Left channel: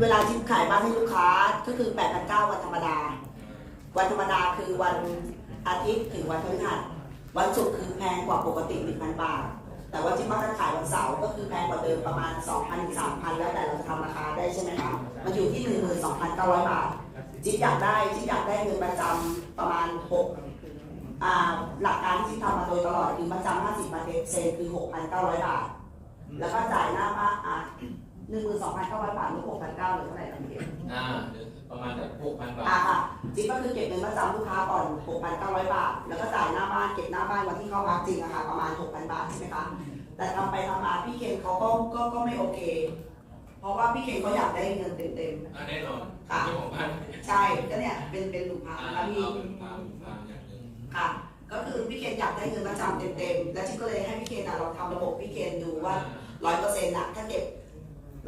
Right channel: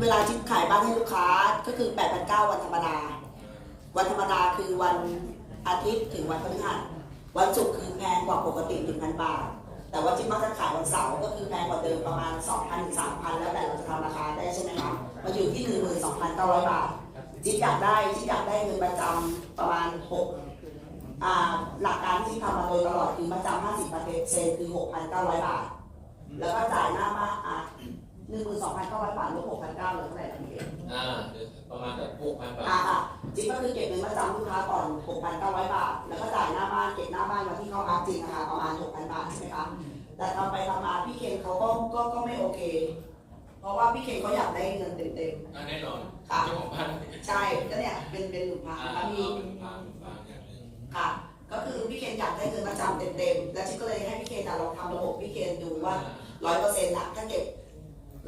เวลาจิ๊บขายบ้านให้ลูกค้าก็คือ8 9 0 0วันธรรมดา วันธรรมดาคือวันอาทิตย์ถึงวันพฤหัสวันศุกร์คือแพงกว่าปกติ1,000บาท แต่ว่าจิ๊บมักจะขายวันเสาร์ก็คือแพงกว่าเดิมประมาณ2,000ถึง3,000แล้วแต่เราจะทำราคาได้ใช่ไหมคะมันอยู่ที่12,900บาทจิ๊บอยากได้จิ๊บอยากได้เงินประจำประมาณ6อ่าหลักการที่จิ๊บทำมาโดยตลอดคือประจำ50เปอร์เซ็นต์คือ6,900บาท แล้วก็จ่ายหน้าบ้าน อะ12,900บาทลบ6,900เหลือเท่าไหร่ครับพี่เอกอ่าเดี๋ยวประมาณแบบหกพันบาอ่าทค่ะจิ๊บก็คือเก็บเงินประจำลูกค้าก่อน6,900บาท แล้วก็จ่ายหน้าบ้านเก็บหน้าบ้านวันที่เข้าพักจริงนะคะประมาณ6,000บาทใช่ไหมคะแต่ทำไปทำมาพี่เคนเขาก็ก็ก็ไม่โอเค เพราะว่าพี่เคนเขาอยากได้เงินเต็มอ่าแน่นอนค่ะเจ้าของบ้านๆใช่ก็เนี่ยเป็นเป็นหนึ่งพันอ่าแล้วพี่ฟังฟังอย่างหนึ่งค่ะก็คือพี่เคนอยากได้เงินประจำเต็มๆแล้วจิ๊บก็เลยให้พี่เคนอะลองทำระบบพี่เคนดูว่าร้อยเปอร์เซ็นต์ะถ้าเก็บ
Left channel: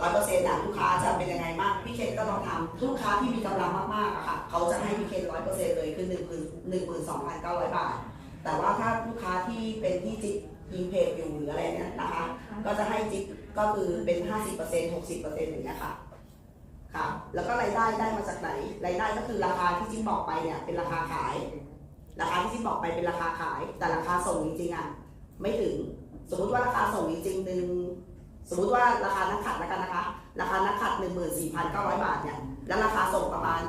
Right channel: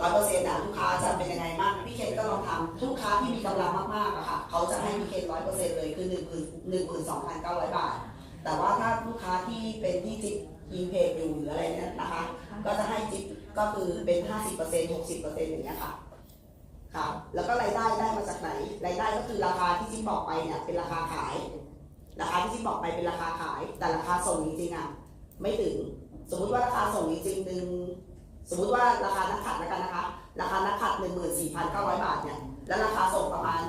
ร้อยเปอร์เซ็นต์อะลูกค้าจะเป็นยังไงบ้างพี่เคนก็ลองทำลูกค้าที่มีกำลังมากๆอะค่ะเขาจะให้พี่เคนร้อยเปอร์เซ็นต์เลยคือหนึ่งหมื่นหนึ่งหมื่นสองพันเก้าร้อยบาท แต่ว่าถ้าลูกค้าที่เป็นที่จิ๊บอินเพจอยู่หรืออะไรเนี่ยนะคะ ก็จะให้จิ๊บก็คือเป็นห้าสิบเปอร์เซ็นต์หกสิบเปอร์เซ็นต์อย่างเงี้ยค่ะค่ะ แล้วก็รายได้ได้มาจากไหนรายได้ก็คือราคาที่จิ๊บบอกไปเนี่ยเป็นราคาขาย ราคาที่จิ๊บบอกไปเป็นราคาขาย แต่ราคาส่งจริงๆอะไม่ถึง สมมุติว่าราคาส่งจริงๆหนึ่ง สมมุติว่าราคานักขัดแล้วกันนะคะ ราคานักขัดหนึ่งหมื่นสี่พันเก้าร้อยบาทเนี่ย แล้วราคาส่งประมาณ